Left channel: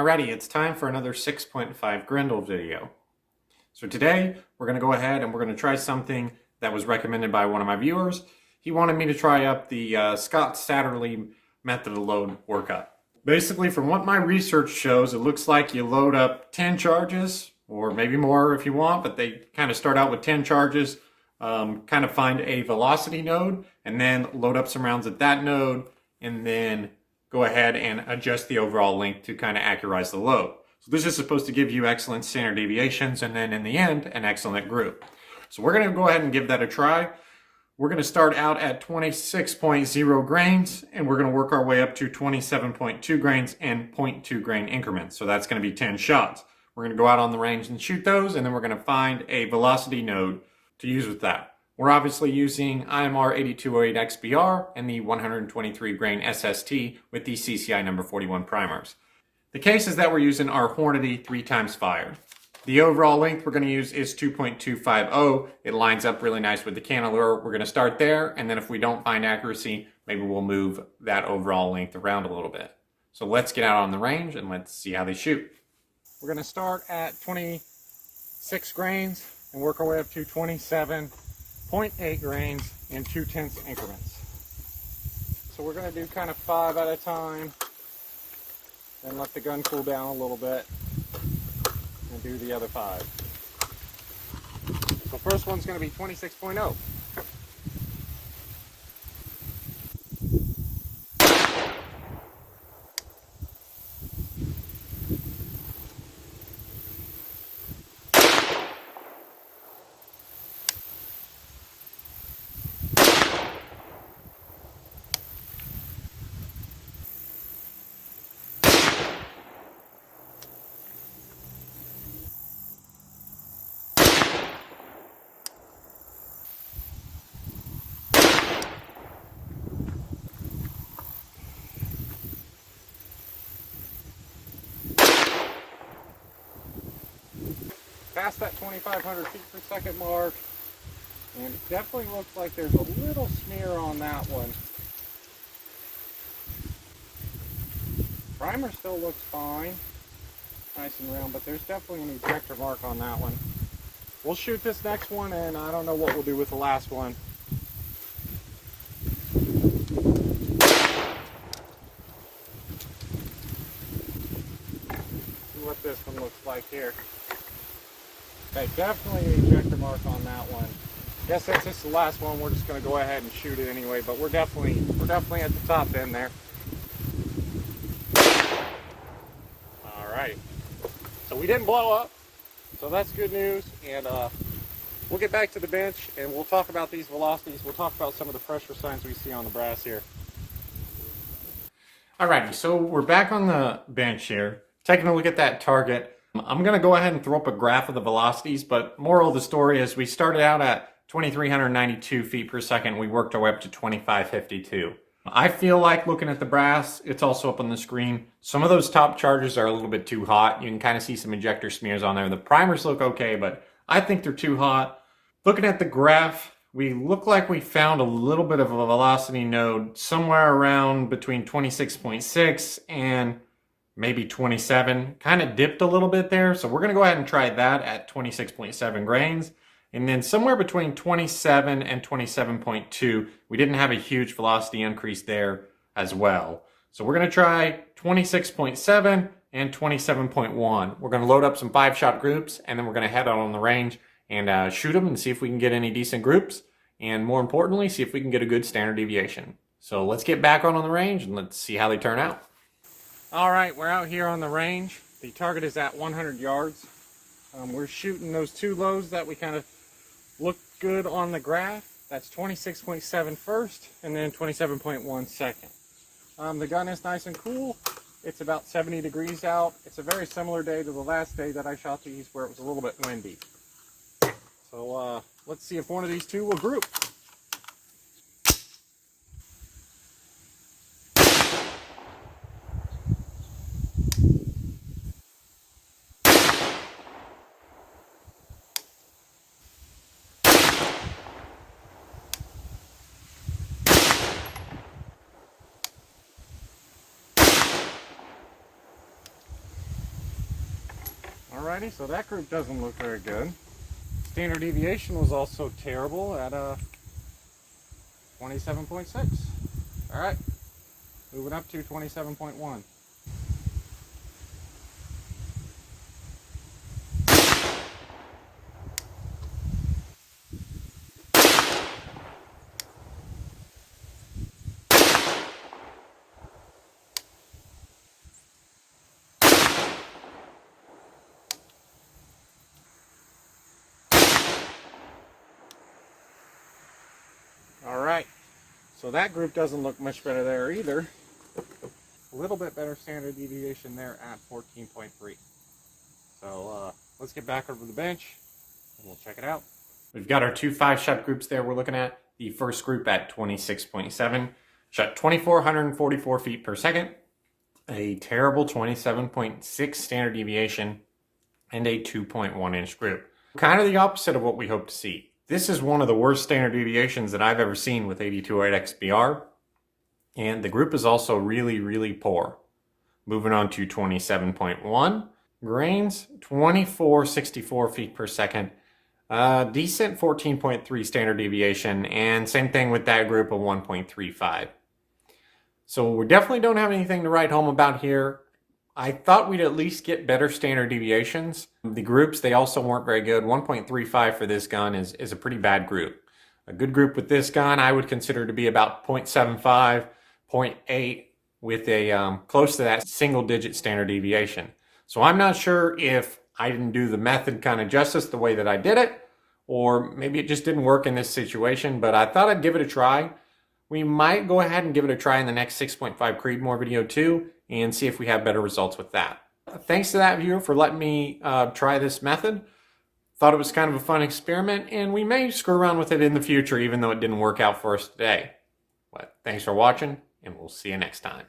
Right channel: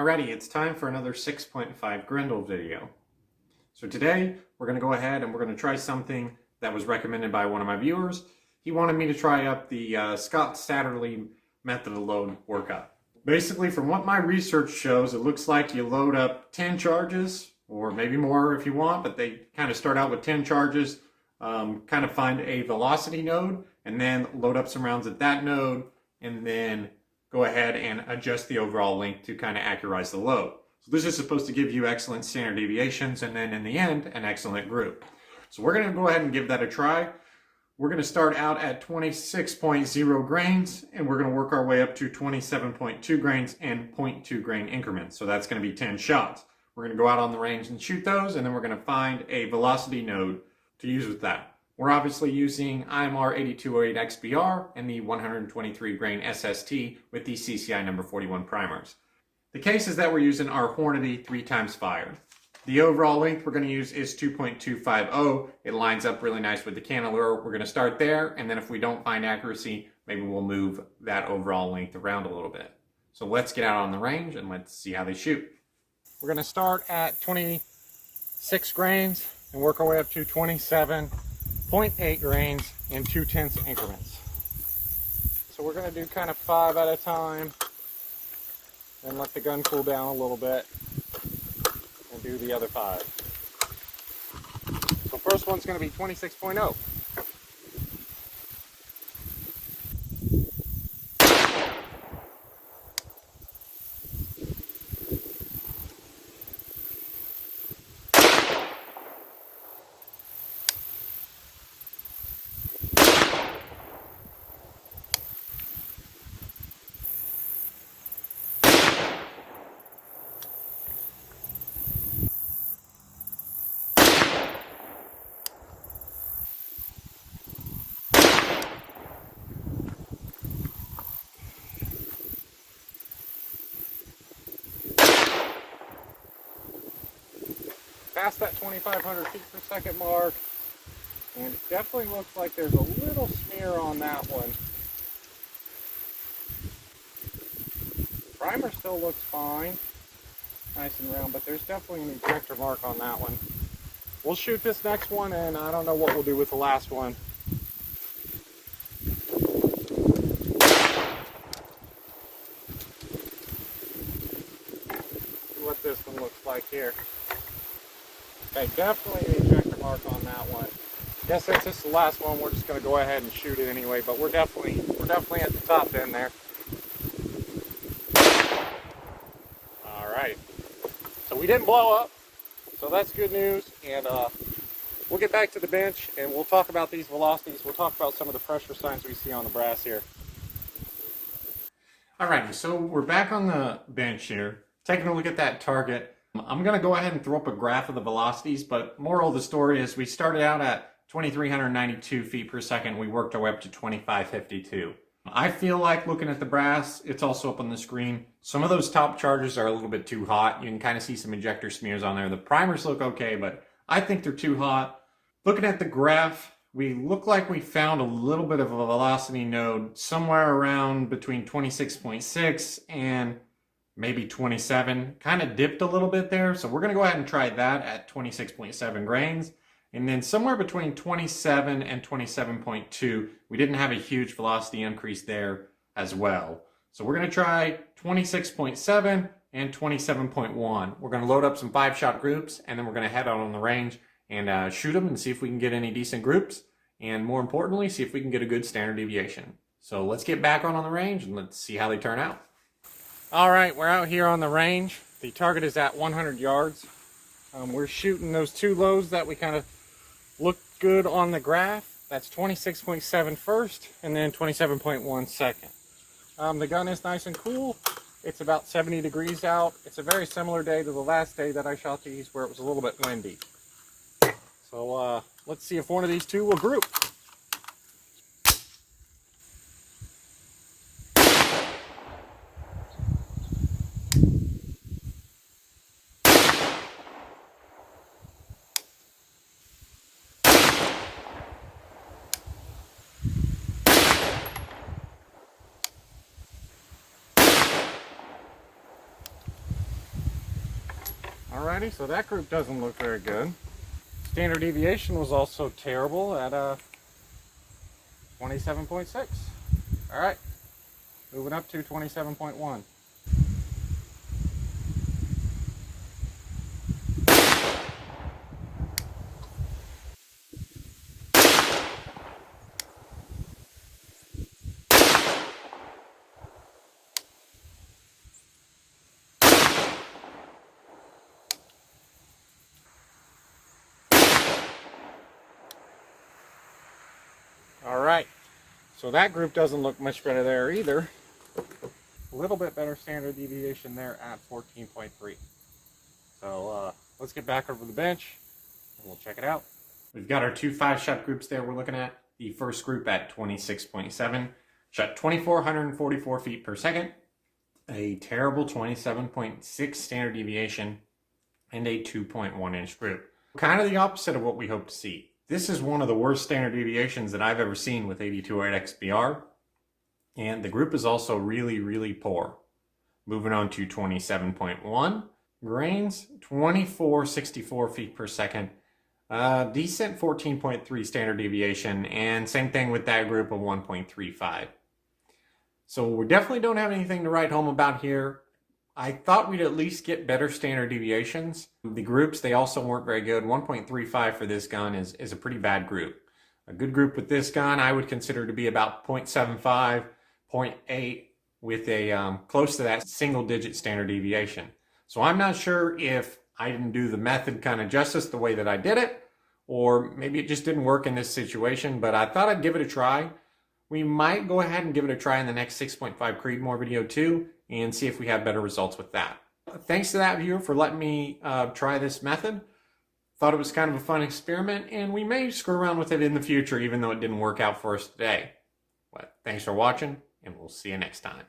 Alrighty, it's time for another 6.5 Grendel video. So today, we're going to go ahead and we're going to try something that was recommended by one of my viewers. He wanted me to try up the Satterly method of load workup. Basically, from what my research shows, it looks like you load up 10 charges, or maybe more if you want, but they kind of start out with 10 charges, kind of find a velocity node, and then load up some rounds at that node, and then go ahead and adjust the overall length to kind of accurize the load. So this is supposed to give you excellent standard deviations, and then in the end, an excellent group. So we're going to go ahead and give that a try. We're going to start out at 26.0 grains, and we're going to work our way up to 27.2 grains and 0.2 grain increments. So that's going to be 10 shots. We're going to go out on the range and shoot those, and then we're going to find a velocity node to use with that. We're obviously using IMR 8208 XBR and the 123 grain SST with the CCI number 41 primers. The cases that we're using are Hornady 3x fired. The overall length we're going to use is 2.250. It lines up really nice with the cantilever. We're going to start there, and then if we don't find accuracy, maybe we'll move that overall length around a little bit. So let's get out on the range and let's see how they shoot. We're going to start at 26 grains and work our way up to 27.8 grains in 0.2 increments. So we're going to do kind of 5 at a time and let the gun cool down a little bit and do the other 5. So first one's going to be 26.0. Past that 2,500 feet per second mark, and it definitely looks like there's a little smear on that one. Primer still looks fine, nice and round, but there's definitely an ejector mark on that one. We'll shoot this next one, and I don't know what we'll do with the last one. See what this one looks like here. Okay, definitely an ejector mark on that one. Guess since this is the last one, we're just going to go ahead and shoot it anyway, but we're definitely at the top end there. Alright. So we didn't blow up, so that's good news, and we'll get back to the bench and we'll talk about these velocities. We'll talk about some of the pressure signs we see on the brass here. Alrighty, so we're back on the bench here, taking a look at that target. I'm going to go ahead and throw up a graph of the velocities, but moral of the story is we started out at 2,392 feet per second. We worked our way up to 2,552. I feel like looking at the brass, it's also up on the screen. Some of those top charges are a little bit too hot. You can kind of see some ejector smears on there. The primers look okay, but I think they're too hot. Looking at the graph, we look like we found a little bit of a velocity node somewhere around between 26.6 and maybe 27, kind of dipped a little bit there. So we're going to go ahead and try that at 26.7 grains. And then somewhere between 27 and 27.2, we didn't have a huge velocity increase there as well. So we're going to try 26.7 and 27.1. We're going to load up some 5-shot groups, and then we're going to head out on the range and shoot them and see if we can get any decent groups. And more importantly, see if we can get a good standard deviation. So let's get back on the range and let's see how they turn out. All right, we're out here on the range. The target is at 100 yards. We're shooting those 2 lows that we kind of look good on the graph. That's 26.7 first and then 27.1 second. The gun is nice and cool. It's about 70 degrees out. It's a very similar day to the last day that I shot these where it was a little bit windy. So let's see if one of these 2 will group. Alrighty, so that group doesn't look very good. Standard deviation was also terrible at 27.6. Alright, moving up to 27.1. Alright, so that group doesn't look much better there either. A little bit better standard deviation there at 14.3. So let's get back over the bench and we'll check it out. We've got our two 5-shot groups there we're looking at. The first group at 26.7, shot 2,444 feet per second, a terrible 27.6 standard deviation, and a 2.1 inch group. Kind of the opposite of what we hope to see. This is one of the worst standard deviations that I've ever seen with 8208 XBR. And the group is also really, really poor. Moving on to 27.1. Grains, 2464 feet per second. Decent 14.3 standard deviation. And same thing with that group of 1.35. So we definitely don't have anything to write home about here. I thought we'd at least get better standard deviations. The groups, they also weren't very good. 1.35 for this gun is a pretty bad group. A good group with this gun I would consider to be about 0.75, 0.8 with a close to that single-digit standard deviation. So I'm not sure if I didn't do the method kind of justice the way that I did it, or maybe it just didn't work in this situation, but I thought I'd give it a try. We might go ahead and give it a try in the next 6.5 Creedmoor video too, and see if we have better results with that. Thanks to that viewer for letting me try this method. Thought it was kind of a fun experiment, and we may screw around with it in the future, even though it didn't work out for us today. But thanks for watching, and we'll see you next time.